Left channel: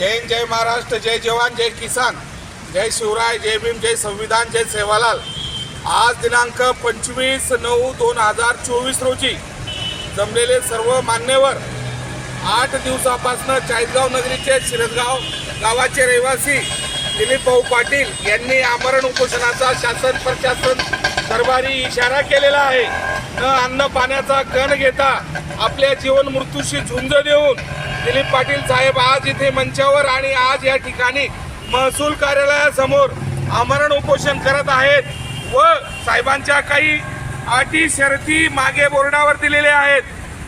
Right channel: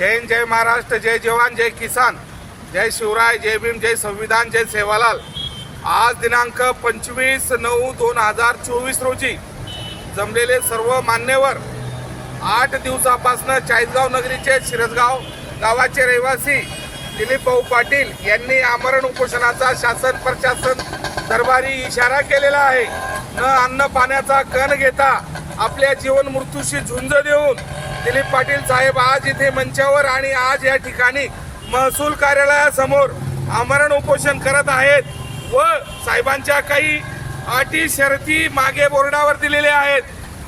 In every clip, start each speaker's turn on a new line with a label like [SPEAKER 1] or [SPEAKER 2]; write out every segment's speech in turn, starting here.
[SPEAKER 1] जय हिंद जय महाराष्ट्र जय जवान जय किसान जय शिवराय जय भीम जय संविधान जय सेवालाल. आज दिनांक पंचवीस नऊ दोन हजार चोवीस रोजी जमलेले सर्व मान्यवर आठ दिवसापासून चाळीसगाव नगरीचे शिरसगाव गावाचे रहिवासी दिलीप भाऊ पाटील यांनी आमरण उपोषणाचा शासन प्रशासन दरबारी इशारा केलेला आहे. न अन्न पाण्याचा कण घेता आपल्या जीवन मृत्यूशी झुंज देऊन दिलीप पाटील साहेब आज इथे मंचावर आणि आज या ठिकाणी महसूल कार्यालयासमोर आमरण उपोषण करत आहेत व साहेबांच्या काही अटी शर्ती मागे बोर्डावर दिलेल्या आहेत.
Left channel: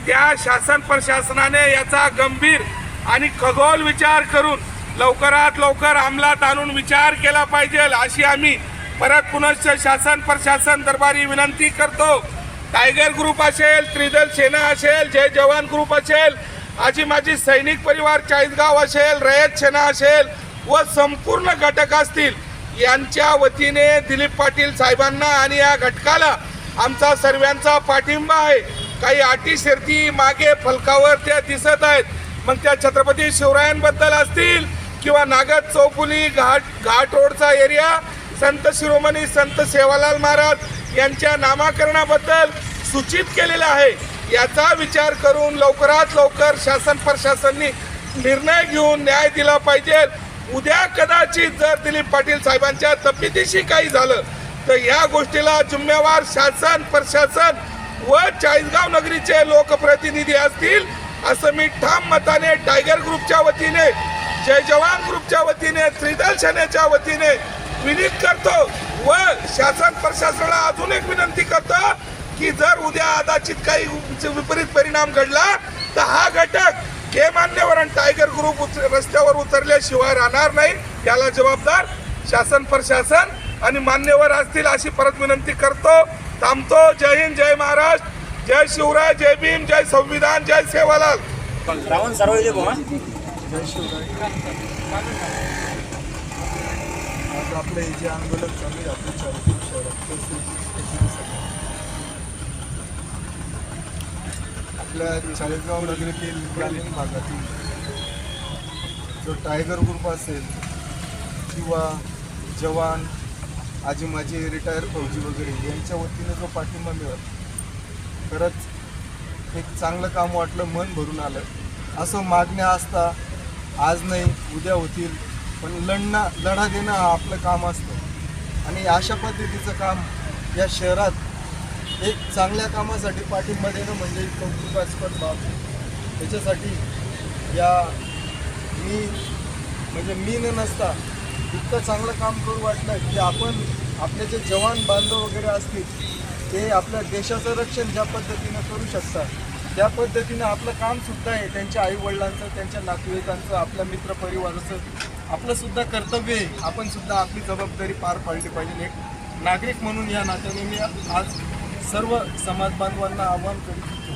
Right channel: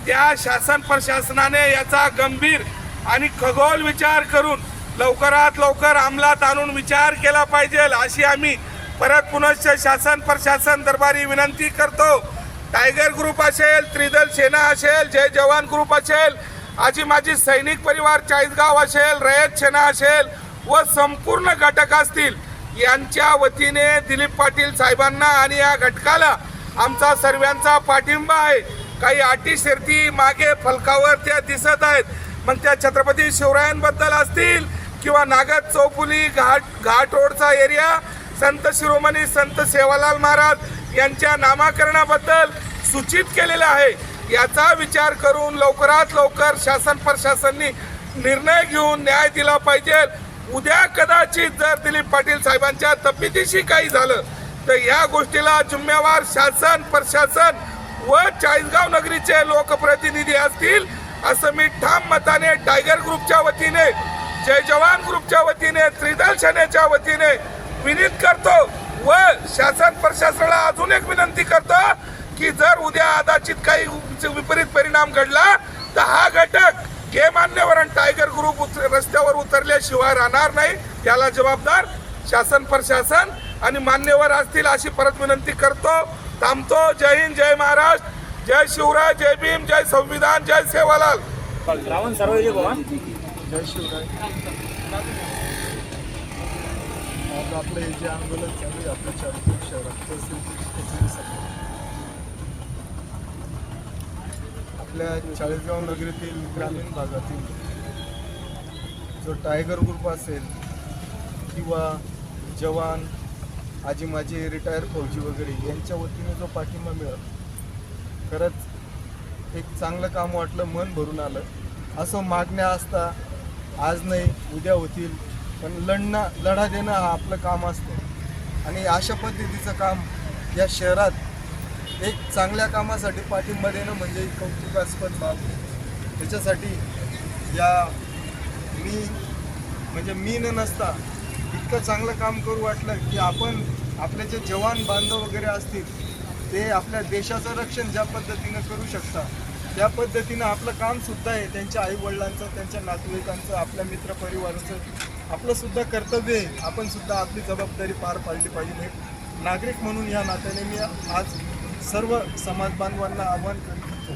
[SPEAKER 1] त्या शासन प्रशासनाने याचा गंभीर आणि खगोल विचार करून लवकरात लवकर अंमलात आणून विचार केला पाहिजे अशी आम्ही परत पुनश्च शासन प्रशासन दरबारी विनंती करतो. टायगर ग्रुप असेल त्रिदल सेना असेल जय जवान ग्रुप असेल आजी माझी सैनिक परिवार चाळीसगाव असेल रयत सेना असेल व संपूर्ण घटक असतील यांच्या वतीने दिलीप पाटील साहेबांना आणि या घटकाला आमचा सर्वांचा पाठिंबा आहे. काही अटी शर्ती मागे फलकावर त्या दिसत आहेत. मग त्या छत्रपती शिवरायांबद्दल असतील किंवा नागद चौफुली घाट घाट रोडचा एरिया संत शिरोमणी संत सेवालाल महाराज यांच्या नामाकरणाबद्दल सूचित केलेलं आहे. याचा विचार करून लवकरात लवकर शासन प्रशासननी निर्णय घेऊन न्याय दिला पाहिजे. उद्या कदाचित जर दिलीप पाटील साहेबांच्या तब्येतीशी काही झालं तर या गोष्टीला जिम्मेवार शासन प्रशासन व चाळीसगाव नगरीचे लोकप्रतिनिधी असतील असं मी ठाम मताने टायगर ग्रुपच्या वतीने जय जवान ग्रुपच्या वतीने त्रिदल सेनेच्या वतीने विनीत करतो व शासन प्रशासनाला अजून एक विनंती करतो की जर उद्या कदाचित काही विपरीत परिणाम घडला तर हा घटक हे मान्यवर आणि टायगर ग्रुप रस्त्यावर उतरल्याशिवाय राहणार नाही. त्याला जबाबदार शासन प्रशासन आणि मान्यवर असतील अशी परत विनंती करतो थांबतो. जय हिंद जय महाराष्ट्र. जय शिवराय जय भीम जय संविधान जय सेवालाल.
[SPEAKER 2] रावण?
[SPEAKER 3] आज आपले जे आंदोलन चालू आहे आपल्या चाळीसगाव शहरात ते सुरक्षिततेचे आपल्या चाळीसगाव नगरीतील ग्रामीण भागातील जो टायगर ग्रुप असेल किंवा जवान आजी माझी रिटायर फौजी वगैरे यांच्या वतीनं जो पाठिंबा मिळत खरंच एक चांगलं काम वाटलं मन भरून आलं. असं मागण्या असता आज नाही उद्या होतील पण लढणं लढा देणं हा आपलं काम असतं. आणि अशा पद्धतीचं काम या शहरात एक चांगल्या कामासाठी पाठिंबा देणं म्हणजे कौतुकास्पद बाब. त्याच्यासाठी या मी म्हणजे मी न नसता इतकं चांगलं काम करू वाटलं की आपण आपले जे जवान बांधव वगैरे असतील ते आपल्या देशाचं रक्षण ज्या पद्धतीनं करू शकतात त्या पद्धतीनं आपलं कामसुद्धा आहे. त्यांच्या आईवडिलांचं त्यांच्या नातेवाईकांचं आपल्या मित्रपरिवाराचं आपलंसुद्धा कर्तव्य आहे. आपणसुद्धा आपली जबाबदारी पार पाडली पाहिजे. एक नागरिक म्हणून या नात्याने मी आज सर्व समाज बांधवांना आव्हान करीत होतो.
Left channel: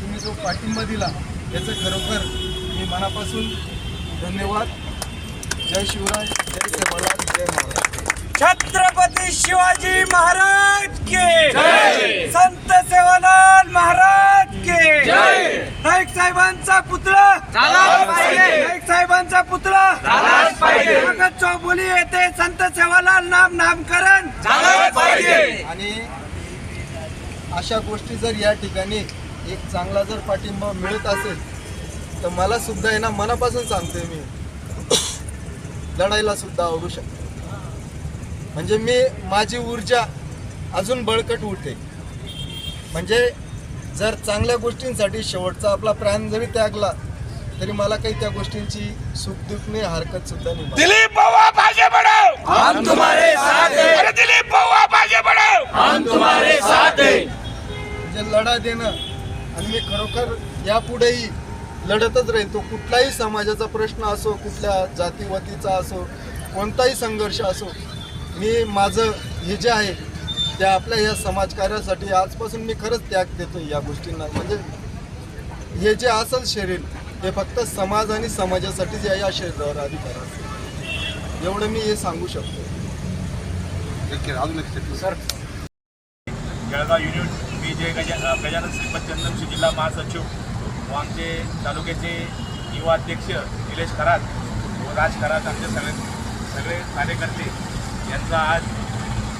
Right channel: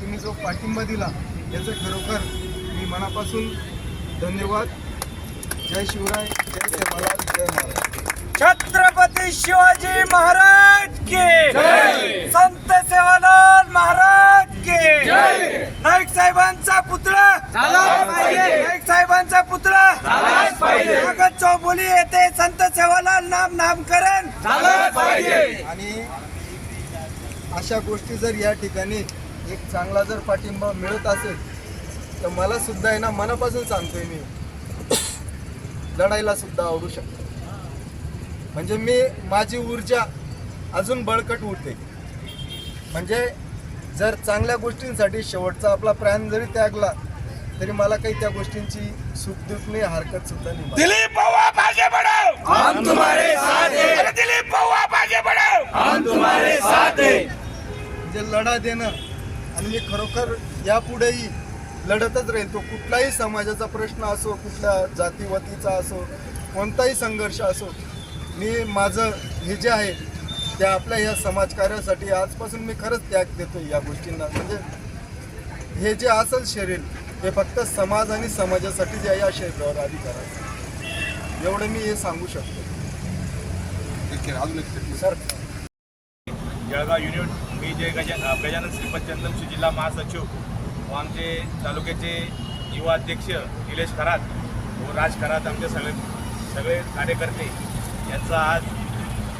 [SPEAKER 3] तुम्ही जो पाठिंबा दिला याचं खरोखर मी मनापासून धन्यवाद. जय शिवराय जय सेवालाल जय महाराज.
[SPEAKER 2] छत्रपती शिवाजी महाराज की. संत सेवालाल महाराज की. नाईक साहेबांचा पुतळा. नाईक साहेबांचा पुतळा. कागद चौबोली येथे संत सेवालाल नाम नामकरण.
[SPEAKER 3] आणि अशा गोष्टी जर या ठिकाणी एक चांगला जर पाठिंबा मिळत असेल तर मला सुद्धा आहे ना मनापासून सांगतोय मी. लढायला सुद्धा आवडू शकतो. म्हणजे मी माझी ऊर्जा अजून बळकट उठते म्हणजे जर चांगल्या गोष्टींसाठी शेवटचा आपला प्राण जरी त्यागला तरी मला काही त्या गोष्टींची सुखदुःख नाही हरकत सुद्धा नाही.
[SPEAKER 1] दिलीप हम तुम्हारे साथ हैं अरे दिलीप भाऊ आप आगे बढ़ो
[SPEAKER 3] म्हणजे लढा देणं आणि मी खरोखर यापुढेही लढतच राहील. तो कुठलाही समाजाचा प्रश्न असो कुठल्या जातीवातीचा असो कोणताही संघर्ष असो मी माझं हे जे आहे ते आपल्या या समाजकार्यासाठी आजपासून मी खरंच त्याग देतो या गोष्टींना. म्हणजे हे जे असेल शरीर हे फक्त समाज आणि समाजासाठी जे आहे या शरीरावर अधिकार असेल एवढं मी हे सांगू शकतो.
[SPEAKER 2] सर
[SPEAKER 4] मी जे गज गजानन श्रीपत चंद्रमशी जिल्हा महासचिव. व आमचे तालुक्याचे युवा अध्यक्ष निलेश खरात व राज खरात आमचे सगळे सगळे कार्यकर्ते. यांचा आज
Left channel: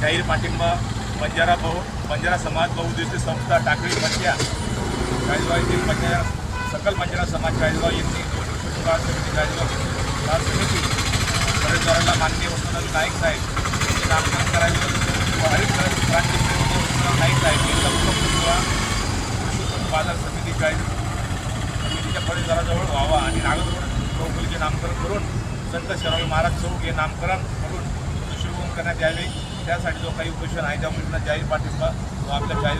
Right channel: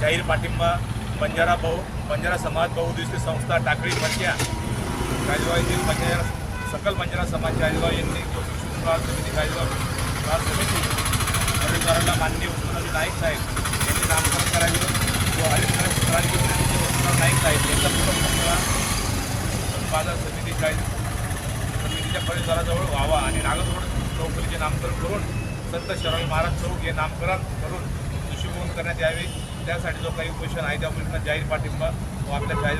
[SPEAKER 4] जाहीर पाठिंबा बंजारा बहु बंजारा समाज बहुउद्देशीय संस्था टाकळी पंजा चाळीसगाव येथील बंजारा सकल बंजारा समाज चाळीसगाव येथील गाव मान्य नाईक साहेब यांचे नामकरण व्हावा आणि नागपूर चौकलीचे नामकरण करून संत शिवाजी महाराज चौक हे नामकरण करून शुभवून करण्यात यावी. त्यासाठी जो काही उपोषण आहे त्या उपोषणात जाहीर पाठिंबा आपल्या